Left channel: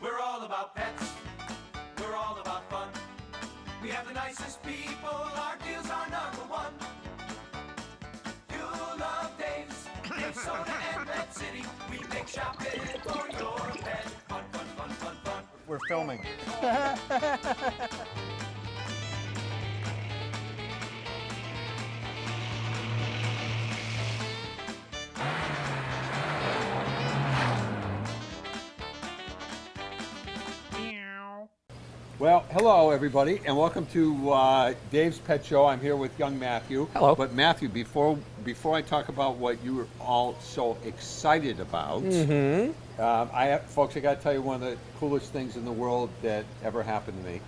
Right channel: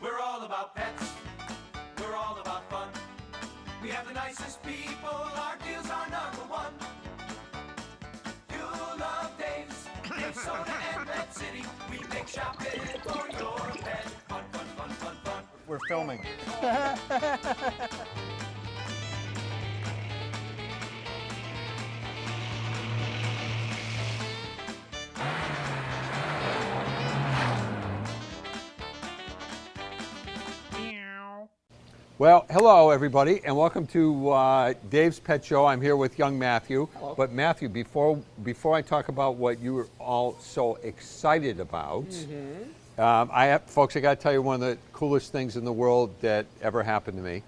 We're all about pets. We're all about fun. We have the nicest people. Our deals are number one. You'll love Dave's, Dave Soda and Pet City. We make shopping for your pet fun, fun, fun, fun, fun. We're filming. Well, hello everybody, and welcome to Dave's Pet Show. I'm here with young Matthew. Hello. But Matthew, before I talk about what you were all so excited about, folks, I got to tell you one of the coolest things in the world that ever happened to me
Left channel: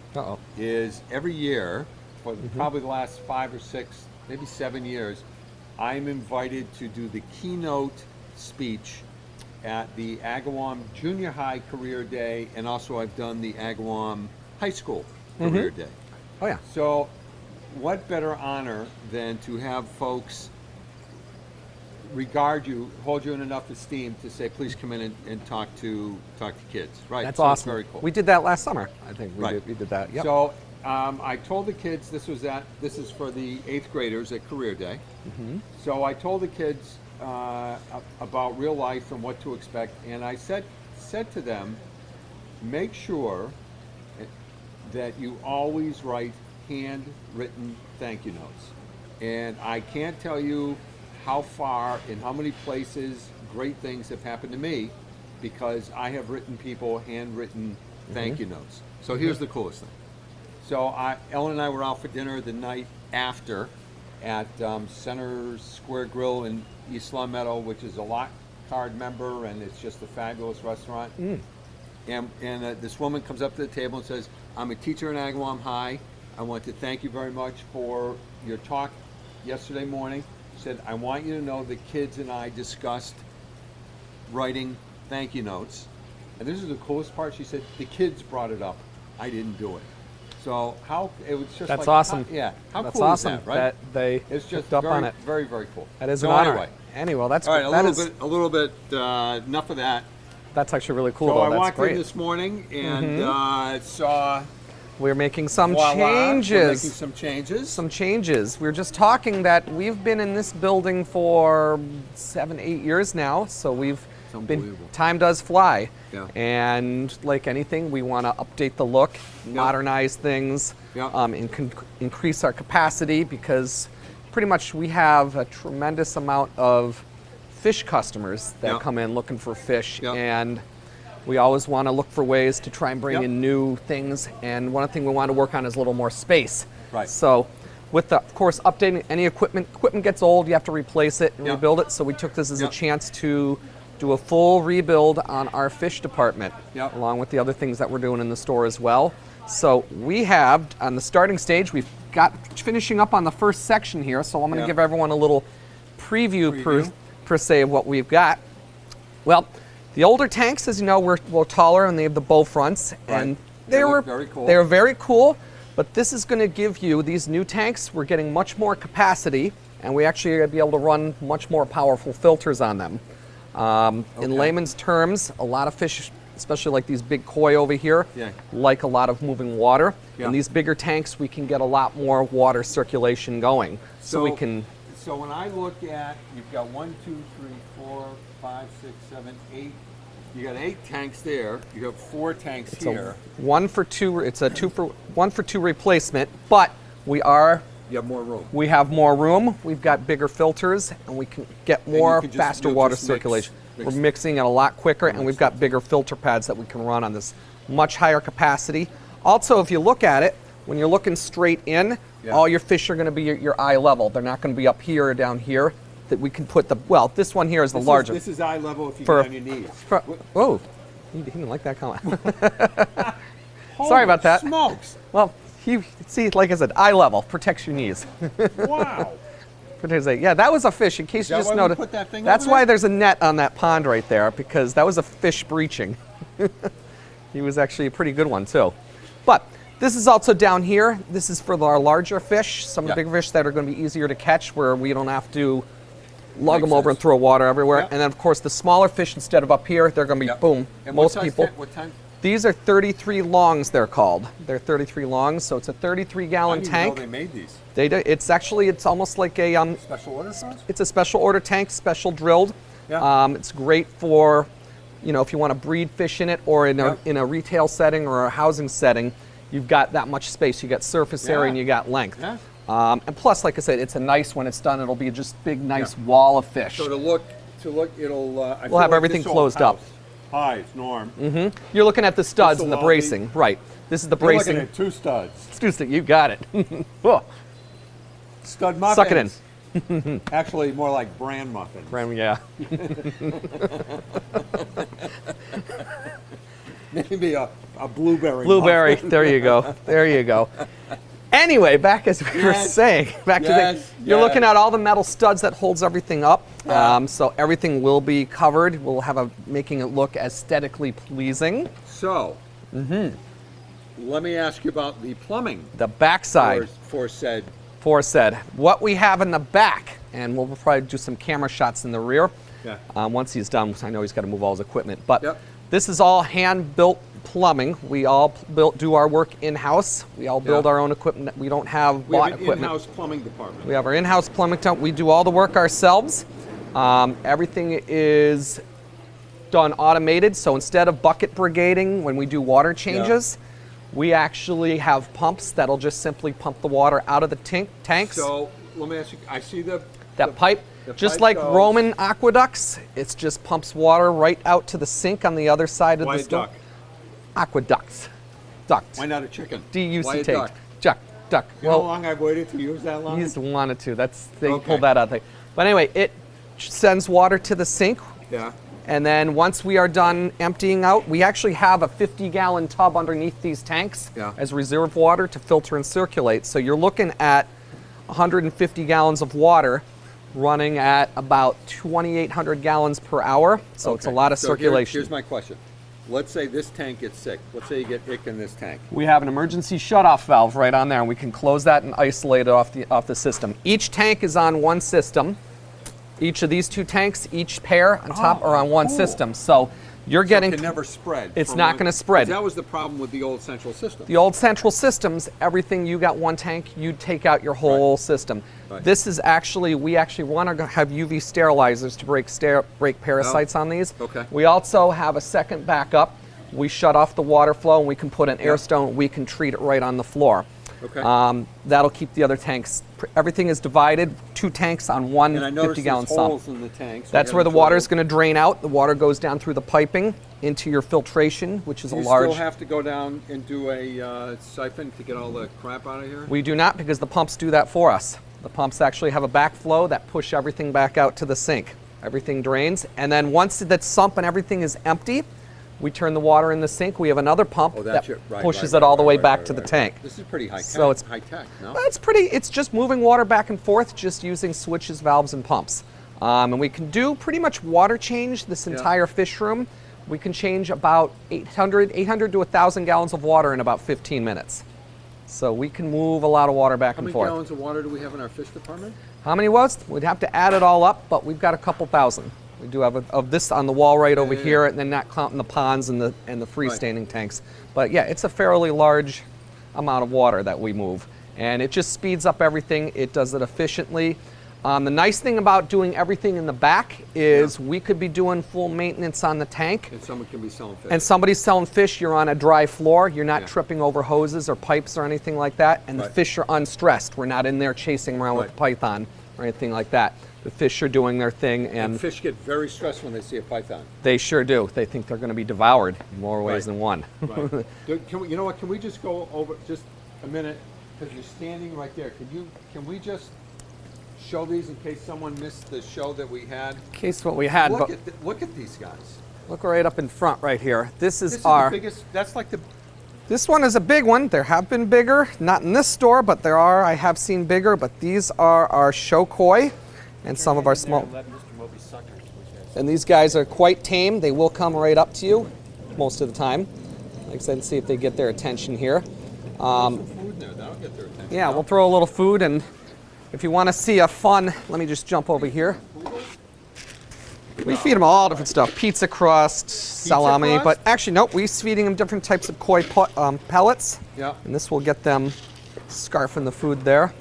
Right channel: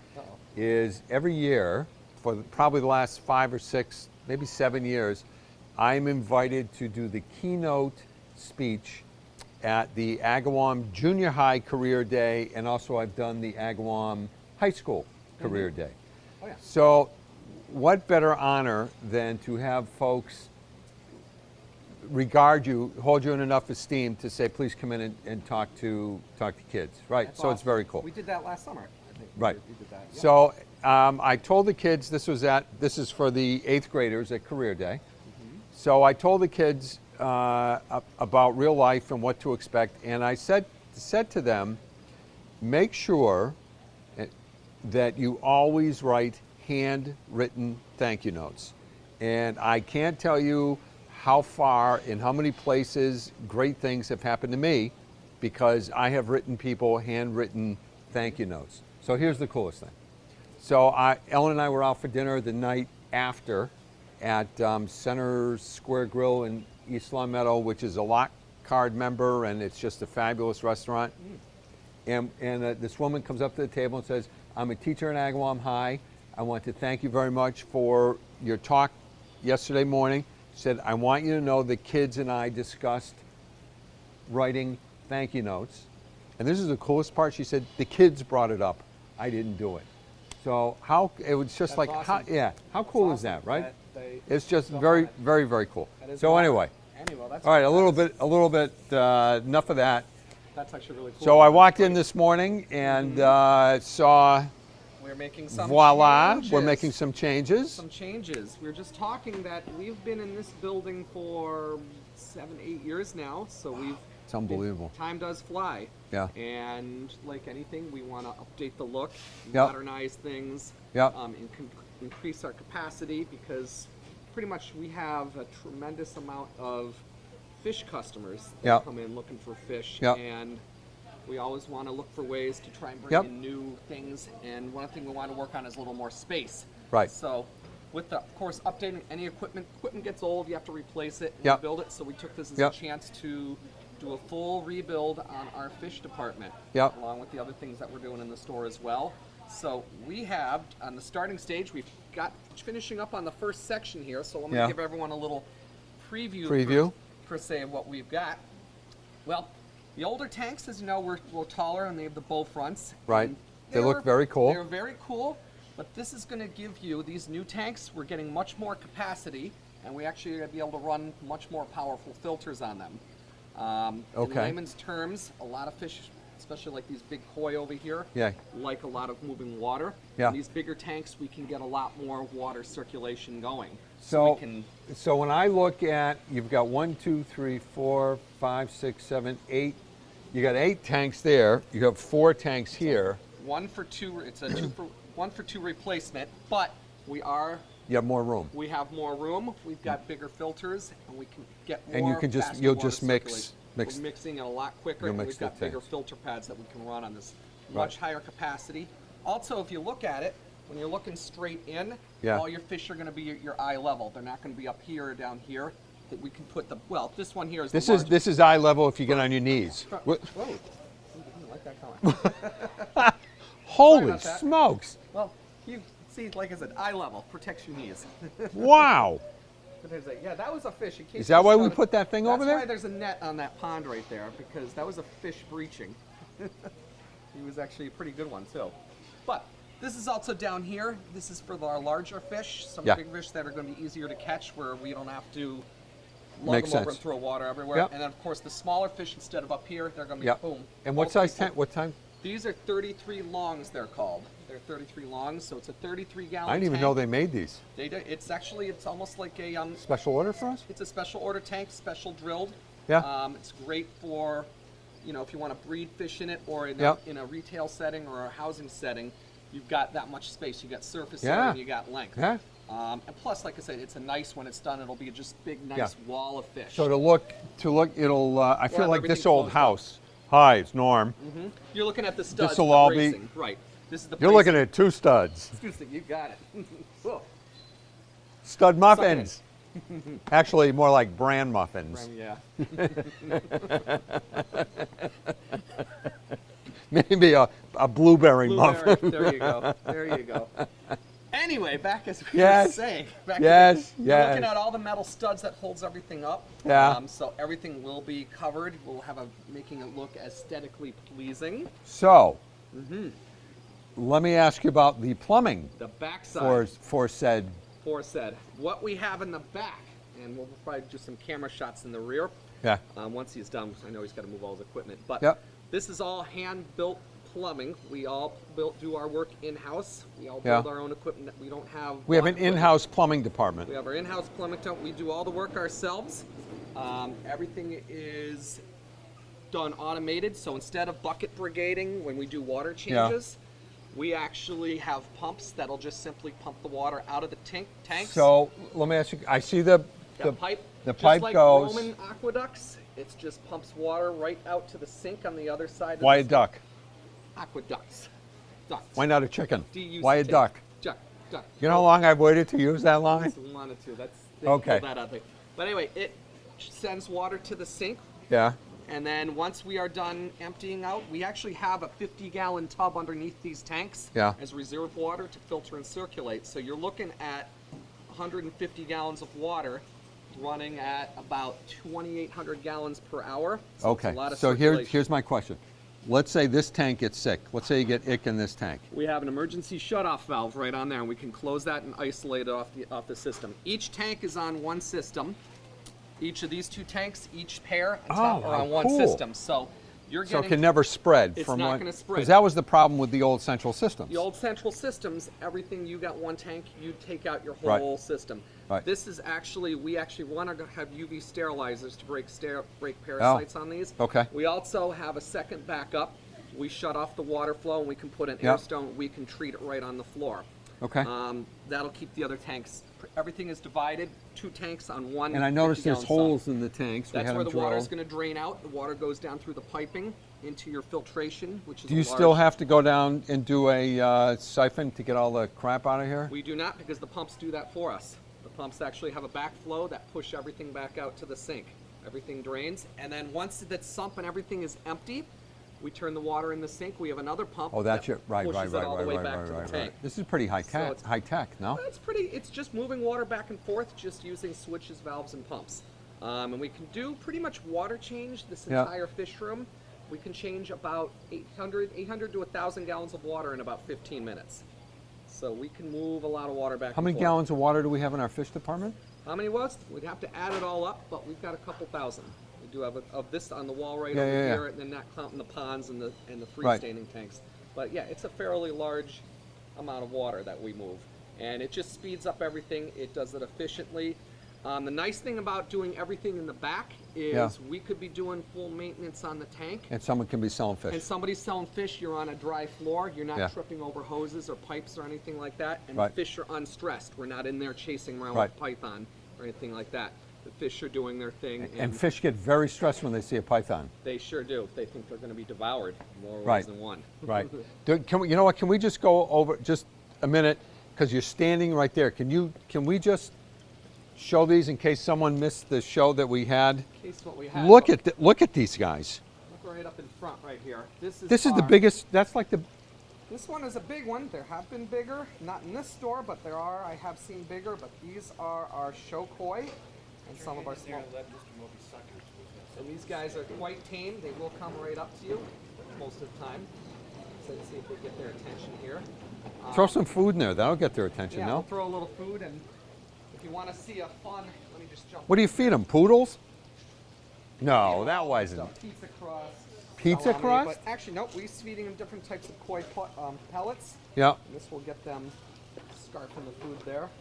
is every year for probably the last 5 or 6, maybe 7 years, I'm invited to do the keynote speech at the Agawam Junior High Career Day, and also I've done the Agawam High School Career Day. Oh yeah. So what better honor than to have folks regard you, hold you in enough esteem to say, please come in and talk to kids, right? That's so awesome. It's very cool. We did that last summer. I think Right. we did that. Yep. So I told the kids, this is for the 8th graders at Career Day. So I told the kids about real life and what to expect, and I said to them, make sure that you always write handwritten thank you notes. And I can't tell you how far and how many places great things have happened to me because I have written people handwritten thank you notes. So here's the coolest thing. So Ellen and I were out for dinner the night after at Center Square Grill in East Long Meadow, which is a Lock Card member, and it's just a fabulous restaurant. And this woman comes up to the table and says, I'm a teacher in Agawam High. I want to thank you very much for your talk yesterday morning. She said, I want you to know the kids and I discussed writing thank you notes. And this is the coolest part. She said, the kids brought it up. I didn't do it. So it was just That's like, awesome. How That's cool awesome is that, right? That they It's just picked up on very, it. very, very cool. That is so an honor. anyway. Anyway, that's All right, that a little bit, enough of that. That's actually really cool. So though. I That's walked great. in this morning and saw, We're making some voila, changes. we're making some changes. Some changes. We were just talking that we've been in this building for 7, 8 years now, so we've It's unbelievable. time does fly. Yeah. And like anything, we want to update the look, modernize things, Yep. increase our capacity because pretty much we have a tremendous amount of fish customers that Yep. come in looking for fish, Yep. and we always want to look for ways to try and bring Yep. in new things. And one thing we want to work on is a little more space. Right. So, with of course, updating any equipment gets old. You have to replace it and Yep. rebuild it. So we took this as Yep. a chance to do a full rebuild on our fish department, Yep. along with the other things that we're doing in the store as well. So we have on the starting stage, we've got finishing up on the first section here. So I'm going to Yeah. give everyone a little preview. Preview. Per se of what we've got. Well, the older tanks, as you know, were taller and they have the bow fronts. Right. And They were look very cool. They were very cool, but this is going to give you, these new tanks, we're getting much more capacity, and we actually are going to be able to run much more powerful filters on them. In Okay. layman's terms, a lot of fish, especially like these big koi over here, Yeah. like a lot of moving water. Yeah. In these bigger tanks, we can get a lot more water circulation going. So we can... So when I look at, you've got 1, 2, 3, 4, 5, 6, 7, 8. You got 8 tanks there. You have 4 tanks here. One for two. It's a 1 for 2 replacement, but we have more room. We've got bigger filters, and we can get more can just- faster you'll water just mix- circulation. mix- We're mixing it a lot quicker, and mix we've got bigger filter pads that we can run on this much higher capacity. Also, if you look at it, when you're looking straight in, Yeah. all your fish are going to be your eye level. They're not going to be up here or down here. That we can put this one here is the larger. This is eye level if you get on your knees. Whoa, he didn't like that comment. Holy Sorry about that. smokes. Well, see, like I said, eye level protects your knees. Wow. Yeah, that was a fish. In case Is you that just why we noticed, put that thing that's over why there? there's a net on that pond right there, because that was a fish breaching. He was actually a pretty good one too. But this is also down here. This is for our larger fish, some Yeah. bigger fish that are going to be easier to catch, where we don't have to lug Makes them over and sense. throw water everywhere. Yep. And then, of course, the smaller fish, instead of up here, they're going to be, Yep. boom, And most what size people. What time? These are 33 longs, they're called. They're 33 longs, so it's a 33-gallon I didn't even know tank. they made these. They do. It's almost like a Special order for us? it's a special order tank, special drilled. Yeah. It's great for, if you want to breed fish in it, or in Yeah. a retail setting or a housing setting, you've got that much space. You got surface area Yeah. and you got length. Yeah. And plus, like I said, it's a nice when it's done. It'll be just big, nice Yeah. wall of fish. So to look, it'll. I feel have like everything this old closed up. house. Hi, it's Norm. You're looking at the studs and This'll the all be- bracing, right? This is the You're bracing. looking at 2 studs. Excuse me, you got it. Oh, Stud muffins. Suck it in. Actually, more like bran muffins. yeah. Maybe a blueberry. Blueberry. muffin. There you go. There you go. Anyway, back as we were Yes. saying, back to Yes, you're looking yes. at all the metal studs that holds everything up. Yeah. So everything will be covered. We'll have making it look aesthetically pleasing. So, let me ask you about the plumbing The backside, for said. said, what we have in the back, and we'll probably do some camera shots in the rear. Yeah. Once he's done, I know he's got to move all his equipment, but Yep. this is all hand-built plumbing. We all do our work in-house. We all build Yeah. our own equipment. We don't have We have bought an equipment. in-house plumbing department. We have our in-house plumbing company. We do all the work ourselves. Everything is done automated. So instead of bucket brigading when we do water changes, we actually have pumps that'll just simply pump the water out of the tanks. So let me ask you. I see the Pipe, the just pipe like goes- Roman aqueducts, it just pumps water right out to the sink on the other side of Why the a stove. duck? Aqueducts. Duct. Why not a chicken? D-U-C-T. Why a duck? Duck. You know how long I've waited to use that long? He's wanted to. They Okay. pulled that out. But anyway, it sends water to the sink. Yeah. And then once we are done emptying out, we actually have a 50-gallon tub underneath these tanks Yeah. as reserve water to filter and circulate. So you're looking at 150 gallons of water running at about 2,800 gallons per hour. So it's a lot of So circulation. here's my question. Let's say this tank gets sick. Let's say you get ick in this tank. We have an emergency shutoff valve right on there, and we can close that and isolate it off the system. Each tank is on one system. Each of these 2 tanks, each pair on top Oh, are on one cool. system. So you're So getting it can never spread. It's from not one- gonna spread. 'cause that was the problem with the old central system. the old central systems. Everything you got one tank, you take out your whole Right. system. Right. This is actually we actually want to have UV sterilizers to break parasites on these. Okay. We also have a second backup. We shut off the water flow and we can put an Yeah. air stone. We can treat it right on the floor. Okay. That'll keep the other tanks. Everything is divided. 2 tanks on one And I noticed 50-gallon there's sump. holes in the tanks. That's where the water is going to drain out. The water goes down through the piping into your filtration, which is Do a you large. still have to go down and do a siphon to get all the crap out of here? We do not, because the pumps do that for us. The pumps actually have a backflow that push everything back out to the sink. Everything drains, and then once that sump and everything is empty, we turn the water in the sink. We have another pump Oh, that that's your, right, pushes right, it all the right, way right, back right, to the right, tank. right. This is pretty high tech. So it's- high tech, no? It's just moving water back and forth, just using switches, valves, and pumps. And we can do pretty much water change this Yeah. entire fish room. We can change about 800 to 1,000 gallons of water in about 15 minutes. So we can move a lot of water back How and many forth. gallons of water do we have in our fish department? How many was? We'd have to add it all up, but we've got a couple thousand. We do have of this on the wall right over yeah, here, yeah. and then not counting the ponds and the freestanding tanks. But yeah, it's a fairly large amount of water that we move, and it just speeds up everything. It does it efficiently. The nice thing about doing everything in the back is we could be doing full maintenance on the tank, And someone can be selling fish. and somebody's selling fish. You're on a dry floor. You're not Yeah. tripping over hoses or pipes or anything like that, and the Right. fish are unstressed. We're not in there chasing around with Right. a python or anything like that. The fish are doing their thing, and and fish get very stressed when they see a python. they sure do. They think they're going to be devoured in more ways Right. than one. Right. Can we, you know what? Can we just go over just a minute? Because you're standing right there. Can we just show these in case someone missed the show that we had? In case what we had. Look but look at these guys. look right up in front right here. This is This is our. the biggest. That's like the. This one is a big one. There have been bigger, not in this store, but there are. I have seen bigger, but these are our show koi and some of our small. And these guys are quite tame. They will come right up to you most of the time. Like I said, see if they get their attention here. Throw some food in there. That'll get their attention. Yeah, no? we'll throw a little food and If you want to see a fun, let me just jump What over do you here. feed them? Poodles? We No, feed them not all different like- stuff. Pizza crust, salami, crust? but actually, nope, we're feeding them different types of koi pellets. Yeah. And this will get them scarfing the food there.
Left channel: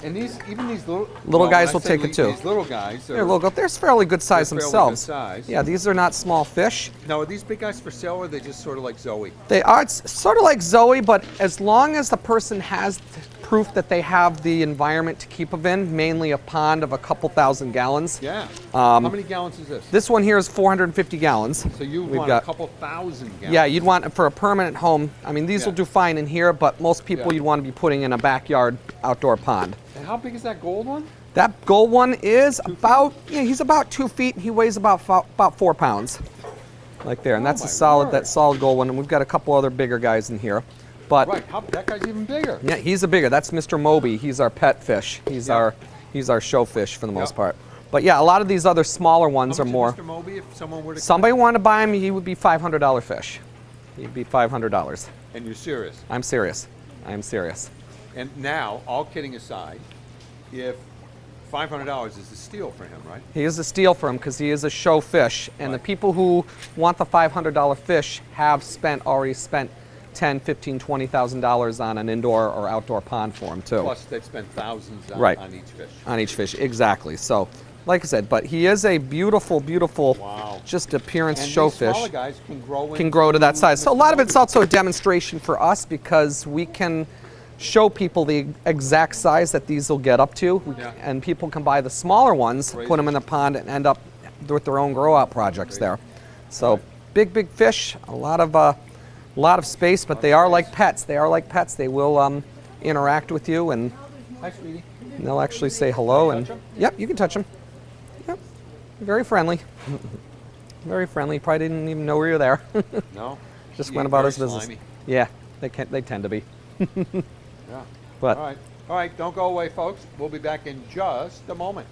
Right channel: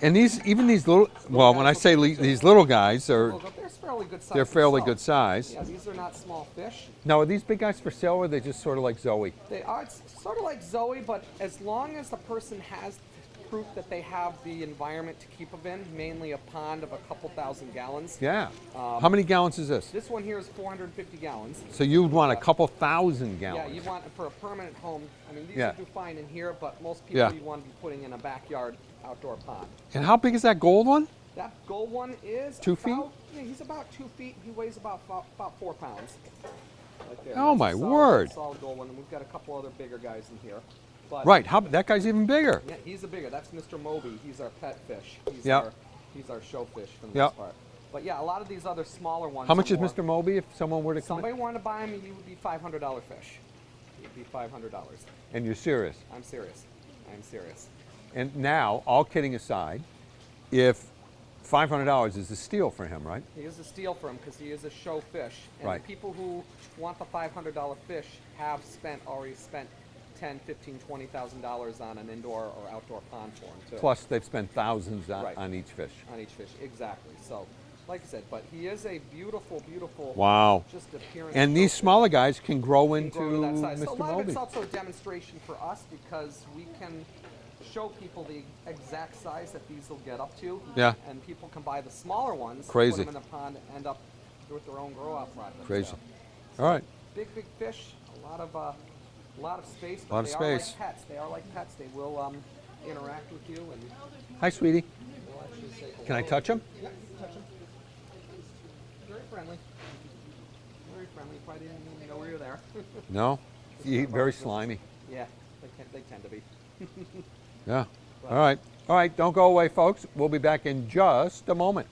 And even these little Little guys when I will say take it too. These little guys They're, are. they're fairly good size They're fairly themselves. good size. Yeah, these are not small fish. Now, are these big guys for sale, or are they just sort of like Zoe? They are it's sort of like Zoe, but as long as the person has proof that they have the environment to keep them in, mainly a pond of a couple thousand gallons. Yeah. How many gallons is this? This one here is 450 gallons. So you We've want a got- couple thousand gallons. Yeah, you'd want for a permanent home. I mean, these Yeah. will do fine in here, but most people Yeah. you'd want to be putting in a backyard outdoor pond. And how big is that gold one? That gold one is 2 feet? about he's about 2 feet. He weighs about 4 pounds, like there, and Oh, that's my a solid word. solid gold one. And we've got a couple other bigger guys in here, but Right. That guy's even bigger. yeah, he's a bigger. That's Mr. Moby. He's our pet fish. He's Yeah. our show fish for the most Yeah. part. But yeah, a lot of these other smaller ones How are much more. is Mr. Moby if someone were to? Somebody wanted to buy him, he would be $500 fish. He'd be $500. And you're serious. I'm serious. I am serious. And now, all kidding aside, if $500 is a steal for him, right? He is a steal for him because he is a show fish, and the Right. people who want the $500 fish have already spent $10,000, $15,000, $20,000 on an indoor or outdoor pond for him too. Plus, they'd spend thousands on, Right. on each fish. On each fish, exactly. So, like I said, but he is a beautiful, beautiful, Wow. just appearance And show these fish. smaller guys can grow To that size. So a Mr. lot of it's Moby. also a demonstration for us because we can show people the exact size that these will get up to. Yeah. And people can buy the smaller ones, Crazy. put them in the pond, and end up with their own grow out projects Crazy. there. So All right. big fish, a lot of space, but Lot of they are space. like pets. They are like pets. They will interact with you, and Hi, sweetie. they'll actually say hello. Can I and touch 'em? Yep, you can touch them. Yep, very friendly. Very friendly. Probably didn't even know we were there. No. Just Yeah, went about very his business. slimy. Yeah, they tend to be. Yeah. But- All right. All right. Don't go away, folks. We'll be back in just a moment.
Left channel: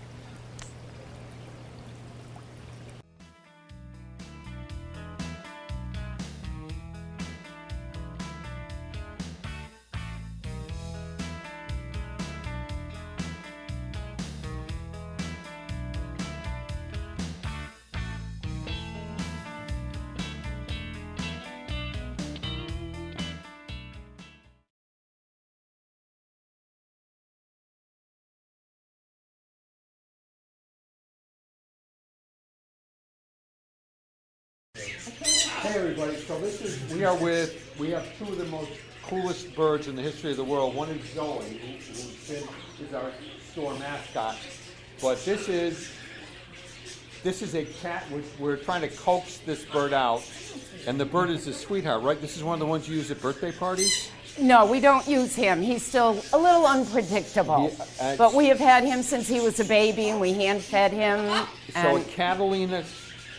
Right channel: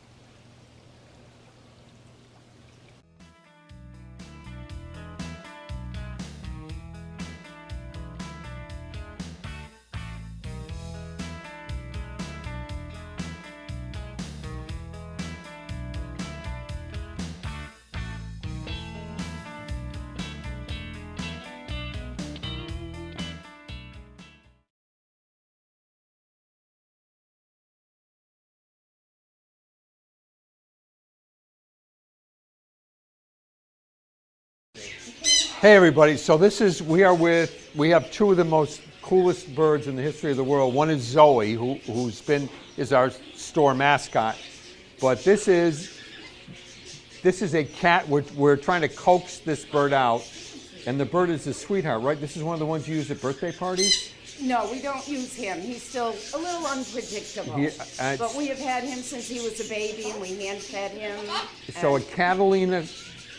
Hey everybody, so we have two of the most coolest birds in the history of the world. One is Zoe, is our store mascot. But this is a cat. We're trying to coax this bird out. And the bird is a sweetheart, right? This is one of the ones you use at birthday parties? No, we don't use him. He's still a little unpredictable. But we have had him since he was a baby, and we hand-fed him. So a and Catalina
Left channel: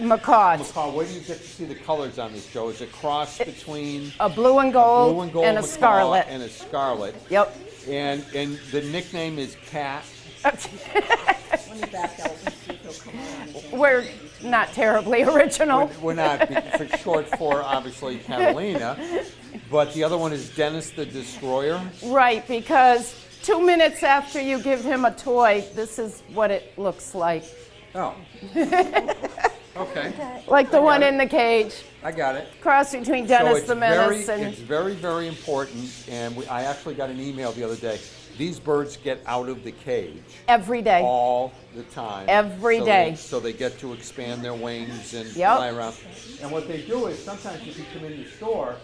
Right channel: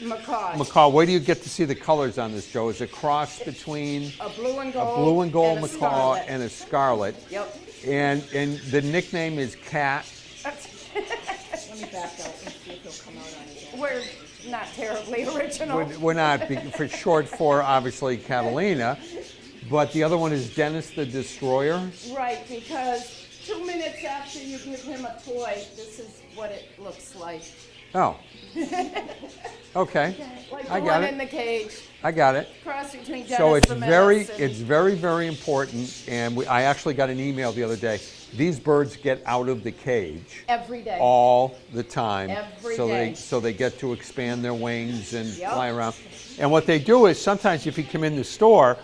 macaws. macaw, where do you get to see the colors on this, Joe? Is a cross between A blue and gold, blue and gold and a macaw scarlet. and a scarlet. Yep. And the nickname is Cat. Let me back out and see if he'll come on. We're not terribly original. We're not for short for obviously Catalina, but the other one is Dennis the Destroyer. Right, because 2 minutes after you give him a toy, this is what it looks like. Oh. Okay. Like the I got one it. in the cage. I got it. Cross between So Dennis it's the Menace and it's very, very important. And I actually got an email the other day. These birds get out of the cage every day. all the time. Every so day. So they get to expand their wings and Yep. fly around. And what they do is sometimes if you come in the store,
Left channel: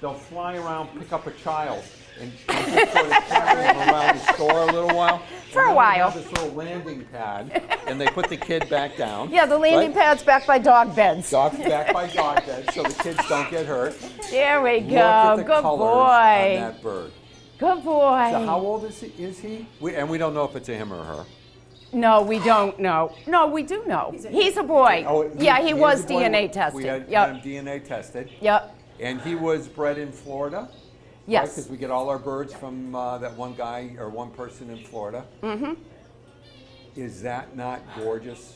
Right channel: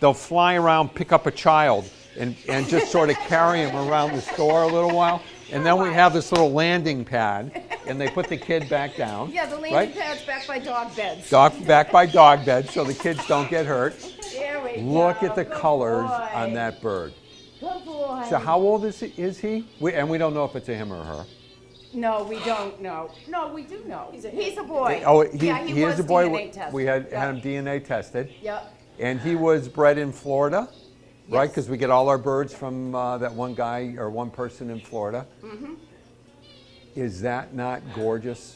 they'll fly around, pick up a child, and just sort of carry him around the store a little while. For And a then we while. have this little landing pad, and they put the kid back down. Yeah, the landing right? pad's back by dog beds. Back by dog bed, so the kids don't get hurt. There we go. Look at the Good colors boy. on that bird. Good boy. So how old is he? And we don't know if it's a him or her. No, we don't know. No, we do know. He's a boy. Oh, yeah, he is was a boy. DNA tested. We had Yep. him DNA tested. Yep. And he was bred in Florida, right? Yes. Because we get all our birds from that one guy or one person in Florida. Mm-hmm. Is that not gorgeous?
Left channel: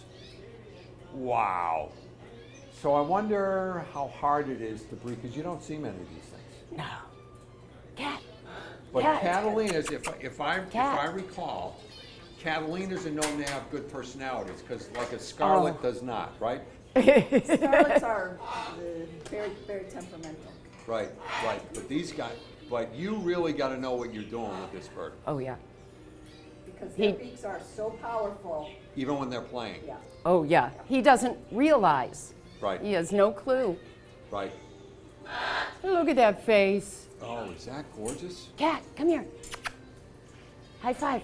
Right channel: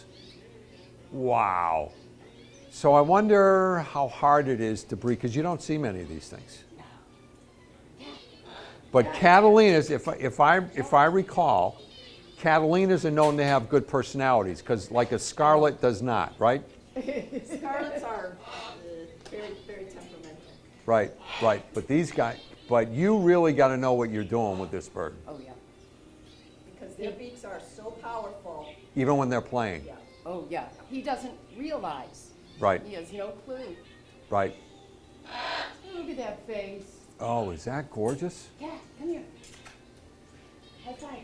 Wow. So I wonder how hard it is to breed, because you don't see many of these things. No. Cat. But Yeah. Catalinas, if I recall, Catalinas are known to have good personalities because like a Scarlet does not, right? Scarlets are very, very temperamental. Right, right. But these guys, but you really got to know what you're doing with this bird, Oh, yeah. Because their beaks are so powerful. even when they're playing. Yeah. Oh, yeah. He doesn't realize. Right, He has no clue. right. Look at that face. Oh, is that gorgeous? Cat, come here. High five.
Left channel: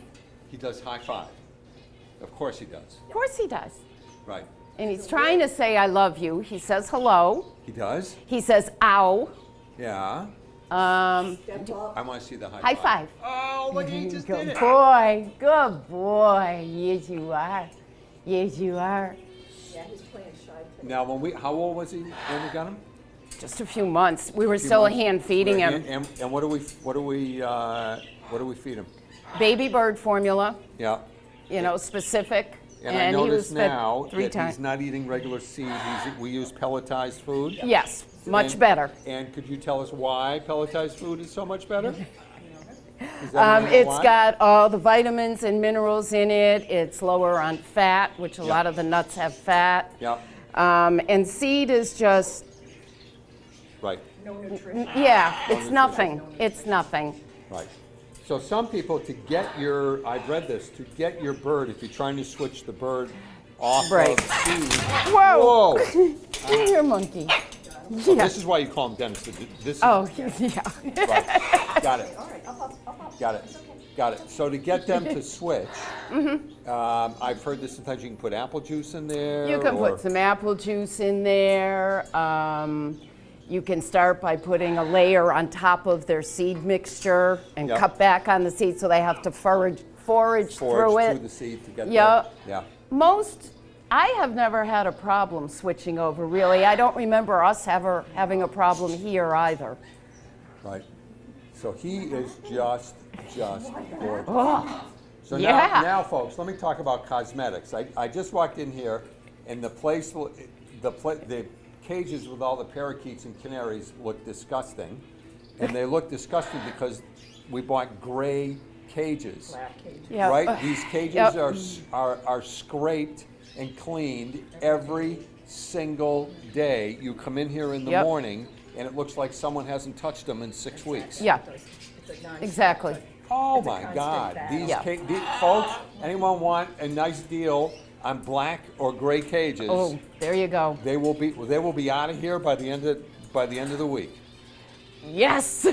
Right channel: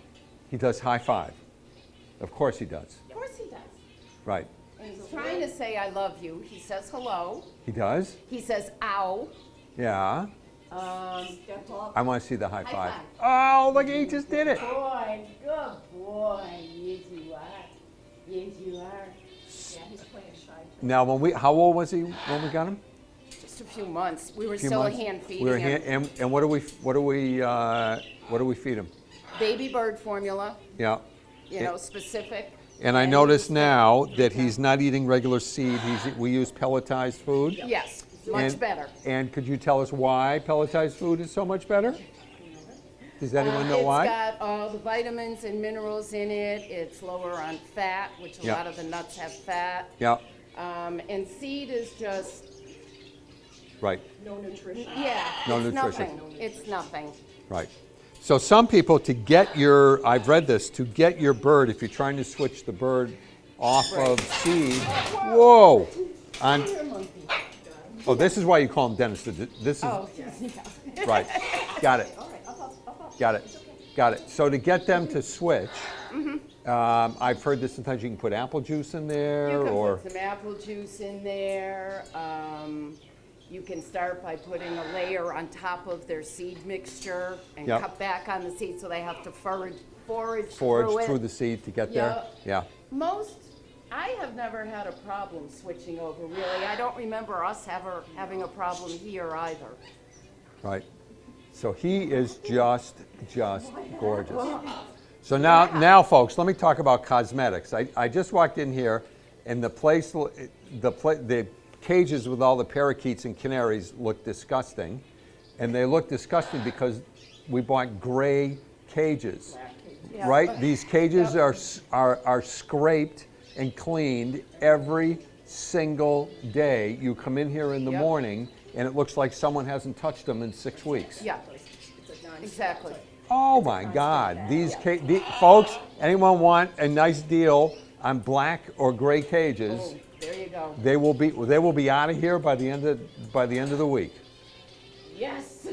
He does high five. Of course he does. Of course he does. Right. And he's trying to say, I love you. He says hello. He does? He says, ow. Yeah. Step up. I want to see the high High five. five. Oh, look, he just did Good it. boy. Good boy. Yes, you are. Yes, you are. Yeah, he's playing shy. Now, how old was he when we got him? Just a few months. We were Few still months? hand feeding We're him. And what do we feed him? Baby bird formula, Yeah. specific. And I he notice was fed now 3 that he's times. not eating regular seed. We use pelletized food. Yes, much And- better. And could you tell us why pelletized food is so much better? Does anyone know It's why? got all the vitamins and minerals in it. It's lower on fat, which a Yeah. lot of the nuts have fat. Yeah, And seed is just, right, No nutrition. yeah, No it's nutrition. nothing. It's nothing. right. So some people, I've read this, to get your bird, if you're trying to switch the bird off Right. of seed. Whoa. Whoa! Come here, monkey. Oh, this is why you call him Dennis. This is, Oh, yeah. right. Got it. All right, up. Got it. Got it. So to get them to switch, I've heard that sometimes you can put apple juice in there. You can or, put some apple juice in there. You can start by putting a layer on top of their seed mixture and Yeah. cut back on the seed so they have to forage forage through it. through the seed to get Yeah. there. I have never had a problem switching over, really. I don't remember us having a problem here either. Right. So he is just gorgeous. Oh, So yeah. now, folks, let me talk about cosmetics. I just walked in here, and the cages with all the parakeets and canaries look disgusting, and they look disgusting because we bought gray cages. yeah. Right? These cages Yep. are scraped and cleaned every single day. You come in here in the Yep. morning, and it looks like someone hasn't touched them in 6 weeks. Yeah, It's a non- exactly. Oh my God! Yeah. Folks, anyone want a nice deal on black or gray cages? Oh, there you go. They will be out of here by the end of the week. Yes.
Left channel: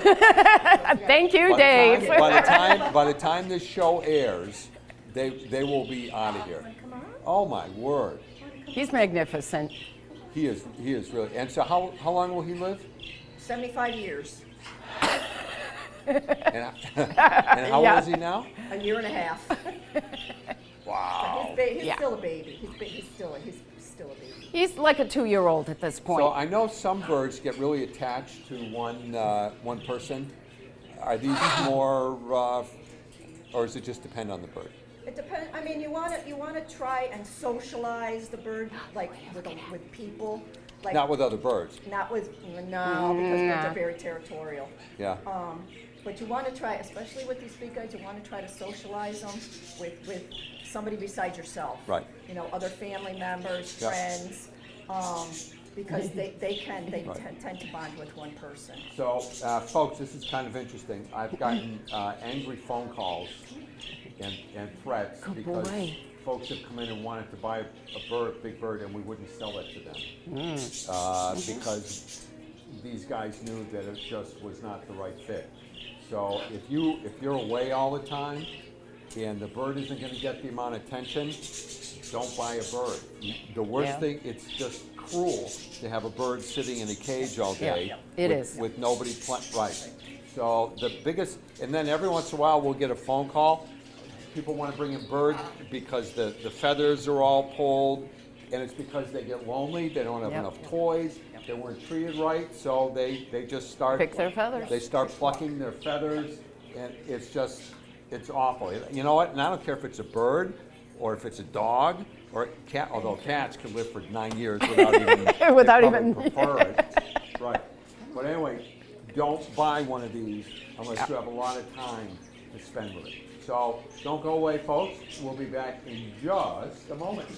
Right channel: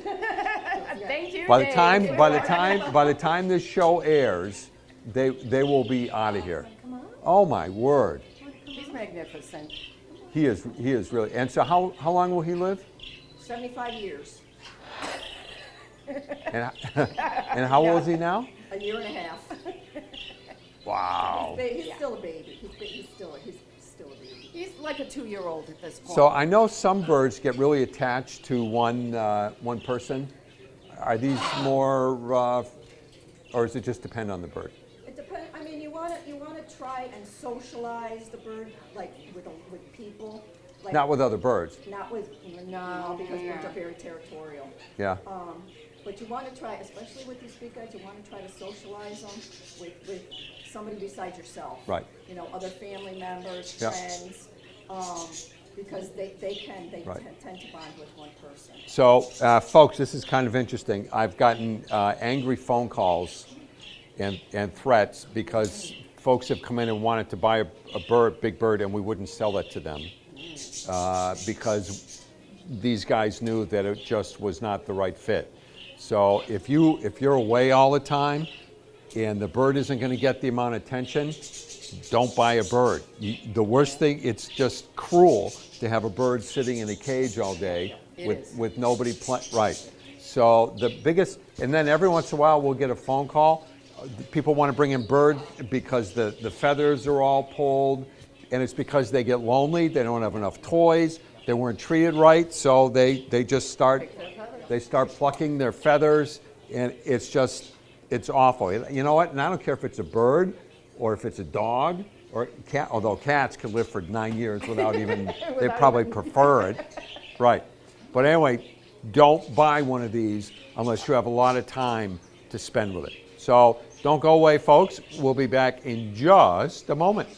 Thank you, By Dave. the time this show airs, they will be out of here. Oh my word! He's magnificent. He is really. And so how long will he live? 75 years, And how Yeah. old is he now? a year and a half. Wow. He's Yeah. still a baby. He's still a baby. He's like a 2-year-old at this point. So I know some birds get really attached to one person. Are these more, or does it just depend on the bird? It depends. I mean, you want to try and socialize the bird like with people. Like, Not with other birds. Not with because birds are very territorial. Yeah. But you want to try, especially with these big guys, you want to try to socialize them with somebody besides yourself. Right. You know, other family members, Yeah. friends, because they Right. tend to bond with one person. So, folks, this is kind of interesting. I've gotten angry phone calls and threats because boy. folks have come in and wanted to buy a big bird, and we wouldn't sell it to them because these guys knew that it just was not the right fit. So if you're away all the time and the bird isn't going to get the amount of attention, don't buy a bird. The worst thing, it's just cruel to have a bird sitting in a cage all day it with, is. with nobody right. So the biggest, and then every once in a while we'll get a phone call. People want to bring in birds because the feathers are all pulled, and it's because they get lonely, they don't have enough toys, they weren't treated right, so they just start Pick their feathers. they start plucking their feathers, and it's awful. You know what? And I don't care if it's a bird or if it's a dog or a cat, although cats can live for 9 years without even, they Without probably even- prefer it. Right. But anyway, don't buy one of these unless you have a lot of time to spend with it. So don't go away, folks. We'll be back in just a moment.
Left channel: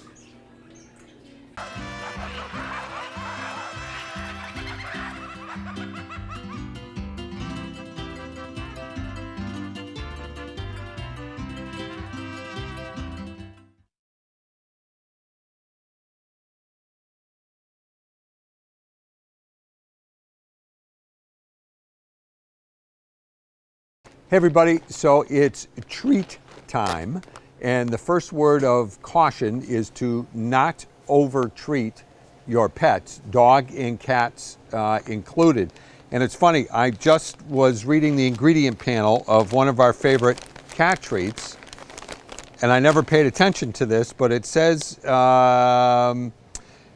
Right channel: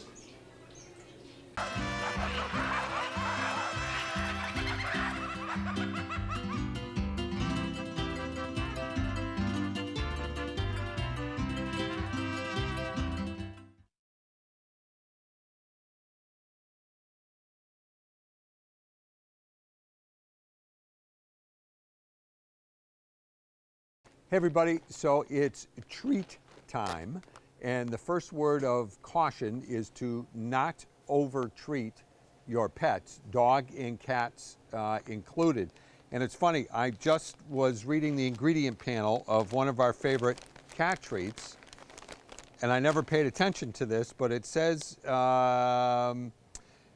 Hey everybody, so it's treat time, and the first word of caution is to not over-treat your pets, dog and cats included. And it's funny, I just was reading the ingredient panel of one of our favorite cat treats, and I never paid attention to this, but it says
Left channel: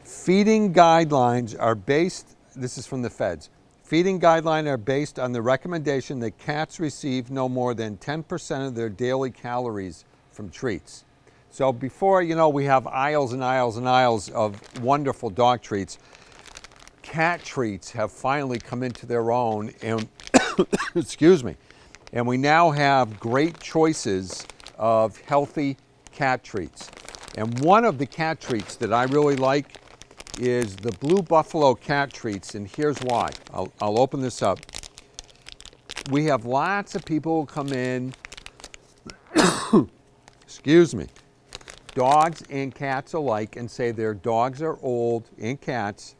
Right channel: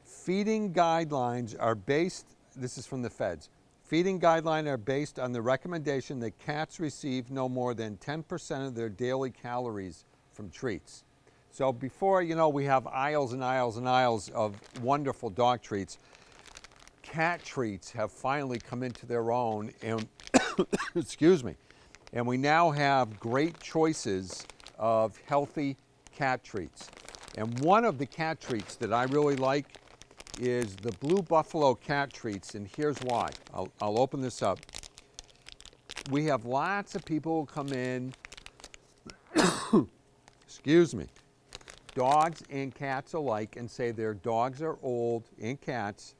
feeding guidelines are based, this is from the feds, feeding guidelines are based on the recommendation that cats receive no more than 10% of their daily calories from treats. So before, you know, we have aisles and aisles and aisles of wonderful dog treats, cat treats have finally come into their own, and excuse me, and we now have great choices of healthy cat treats. And one of the cat treats that I really like is the Blue Buffalo cat treats, and here's why. I'll open this up. We have lots of people who come in, excuse me, dogs and cats alike, and say their dogs are old and cats,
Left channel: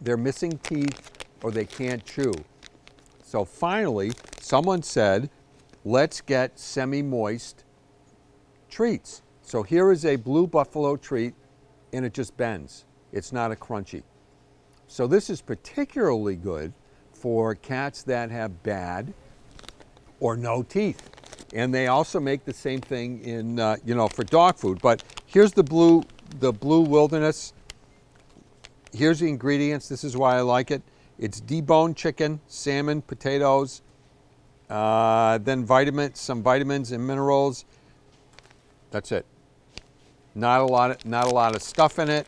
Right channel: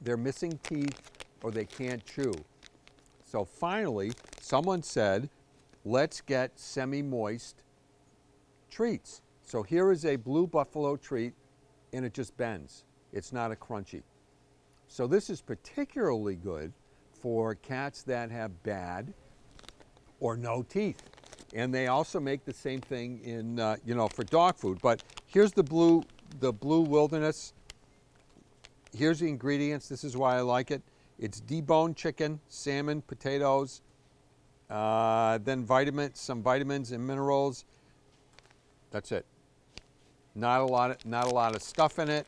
they're missing teeth, or they can't chew. So finally, someone said, let's get semi-moist treats. So here is a Blue Buffalo treat, and it just bends. It's not a crunchy. So this is particularly good for cats that have bad or no teeth. And they also make the same thing in, for dog food. But here's the Blue Wilderness. Here's the ingredients. This is why I like it. It's deboned chicken, salmon, potatoes, then some vitamins and minerals. That's it. Not a lot of stuff in it.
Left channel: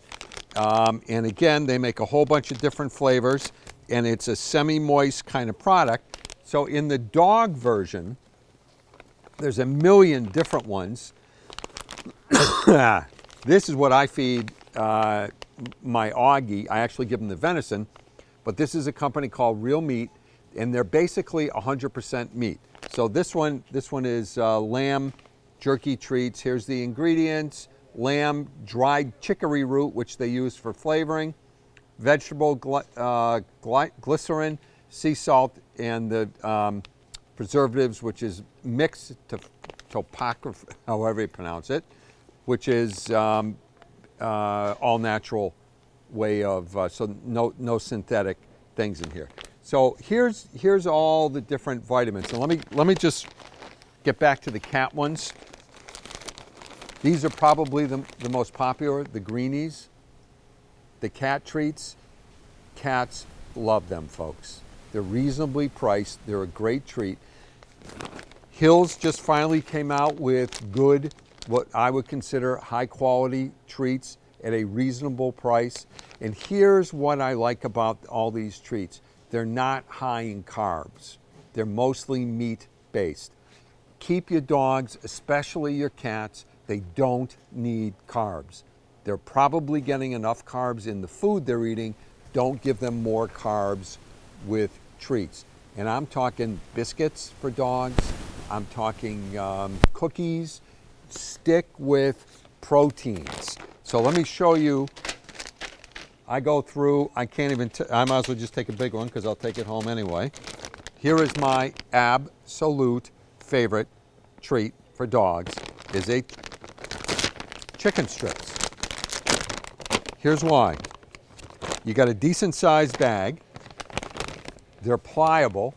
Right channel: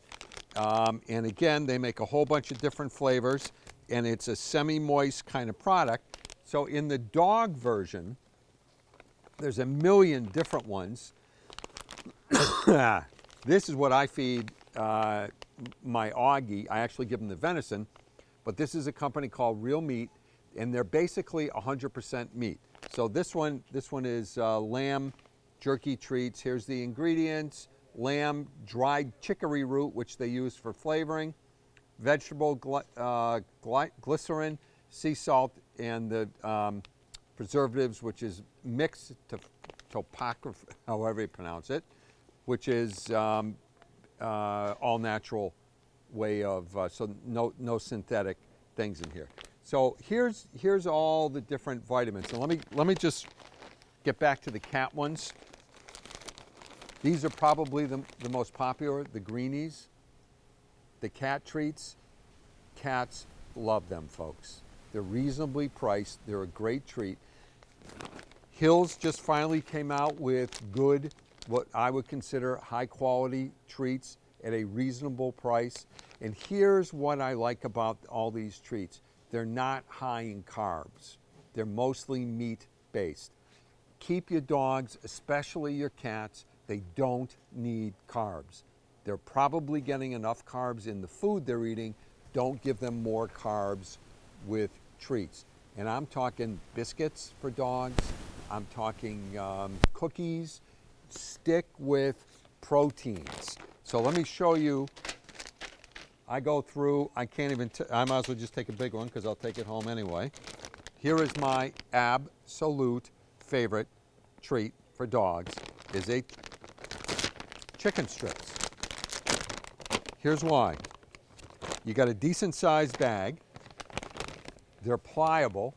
And again, they make a whole bunch of different flavors, and it's a semi-moist kind of product. So in the dog version, there's a million different ones. This is what I feed my Augie. I actually give him the venison, but this is a company called Real Meat, and they're basically 100% meat. So this one is lamb jerky treats. Here's the ingredients. Lamb dried chicory root, which they use for flavoring, vegetable glycerin, sea salt, and the preservatives, which is mixed topography, however you pronounce it, which is all natural way of, so no synthetic things in here. So here's all the different vitamins. And let me just get back to the cat ones. These are probably the most popular, the greenies, the cat treats. Cats love them, folks. They're reasonably priced. They're a great treat. Hills just finally came out with good, what I would consider high quality treats at a reasonable price. And here's what I like about all these treats. They're not high in carbs. They're mostly meat based. Keep your dogs, especially your cats, they don't need carbs. They're probably getting enough carbs in the food they're eating. Don't give them more carbs with treats. And I'm talking biscuits for dogs. I'm talking cookies. Stick with proteins. So let me show you. I go through, I can't even, I might as well just take a big one because I'll take it home anyway. Here is my absolute favorite treat for dogs is a chicken strips. Here's why. You got a decent sized bag. They're pliable.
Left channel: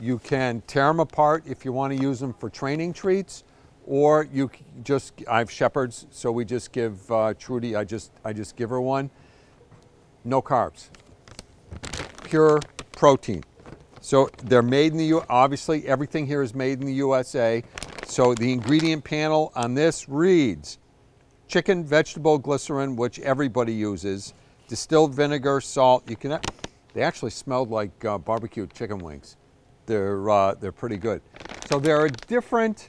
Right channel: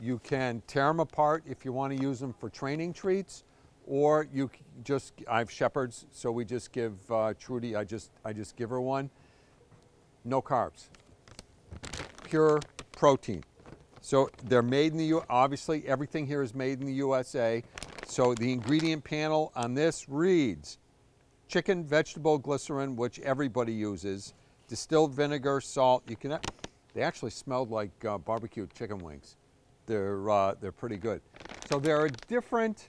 You can tear them apart if you want to use them for training treats, or you just, I have Shepherds, so we just give Trudy, I just give her one. No carbs. Pure protein. So they're made in the obviously everything here is made in the USA. So the ingredient panel on this reads chicken, vegetable glycerin, which everybody uses, distilled vinegar, salt. You can They actually smelled like barbecue chicken wings. They're pretty good. So there are different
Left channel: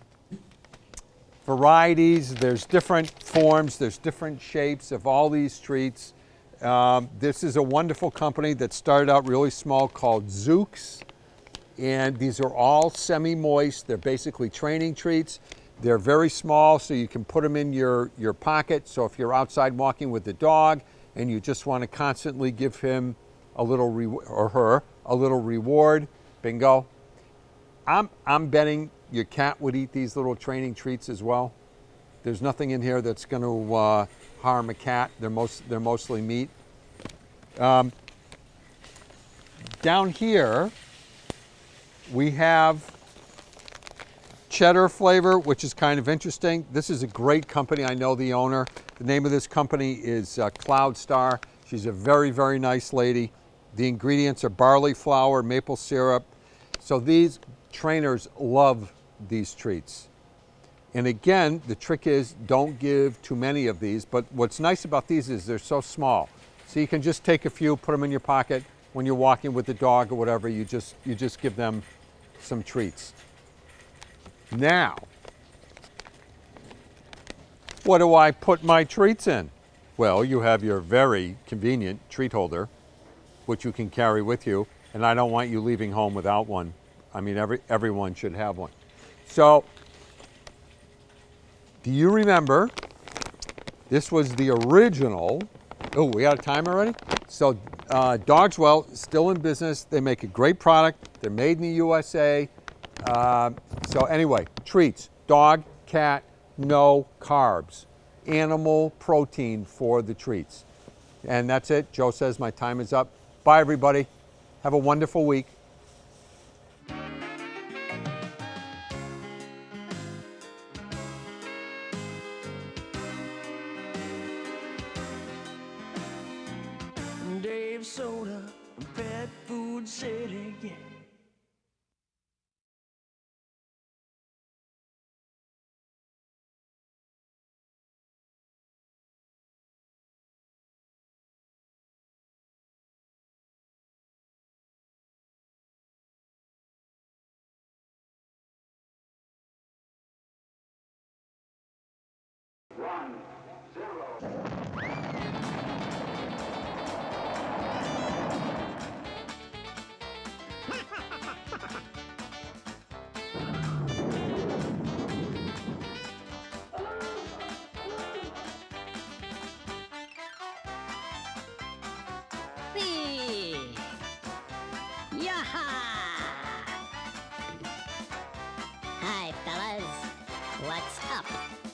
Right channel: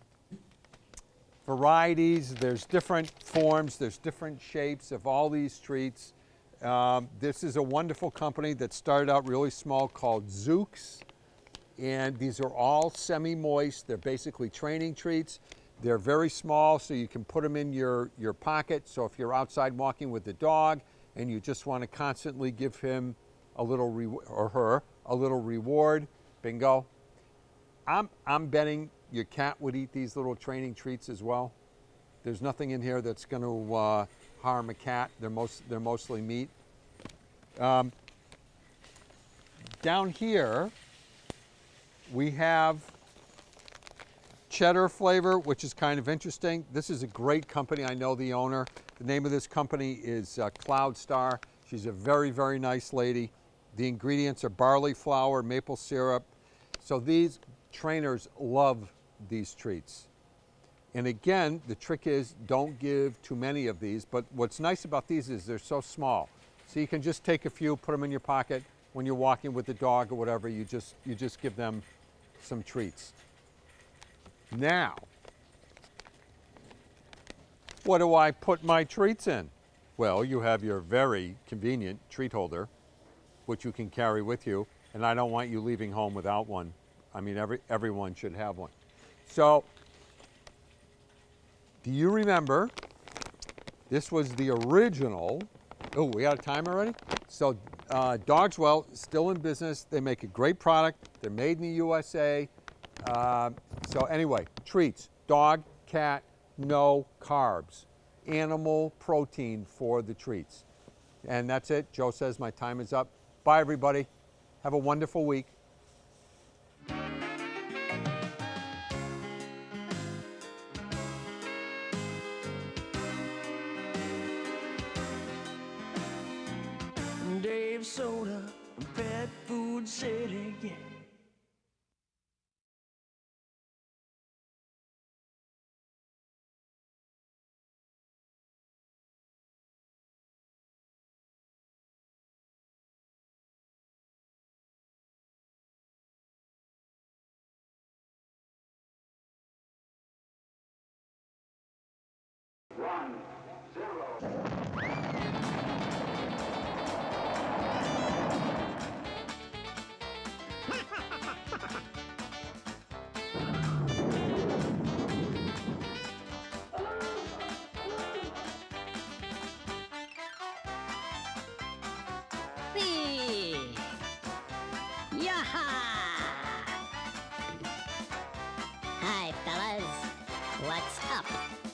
varieties, there's different forms, there's different shapes of all these treats. This is a wonderful company that started out really small called Zooks. And these are all semi-moist. They're basically training treats. They're very small, so you can put them in your pocket. So if you're outside walking with the dog and you just want to constantly give him a little or her a little reward, bingo. I'm betting your cat would eat these little training treats as well. There's nothing in here that's going to harm a cat. They're mostly meat. Down here, we have cheddar flavor, which is kind of interesting. This is a great company. I know the owner. The name of this company is Cloud Star. She's a very, very nice lady. The ingredients are barley flour, maple syrup. So these trainers love these treats. And again, the trick is don't give too many of these. But what's nice about these is they're so small. So you can just take a few, put them in your pocket. When you're walking with the dog or whatever, you just give them some treats. Now, what do I put my treats in? Well, you have your very convenient treat holder, which you can carry with you, and I don't want you leaving home without one. I mean, everyone should have one. So, do you remember, this was the original, oh, we got a time already? So, Dogswell, still in business. They make a great product. They're made in the USA. So anyway, treats, dog, cat, no carbs, animal protein for the treats. And that's it. Joe says my time is up. Bye, everybody. Have a wonderful week. Dave Soda, Pet Food City, yeah. Yaha! Hi, fellas. What's up?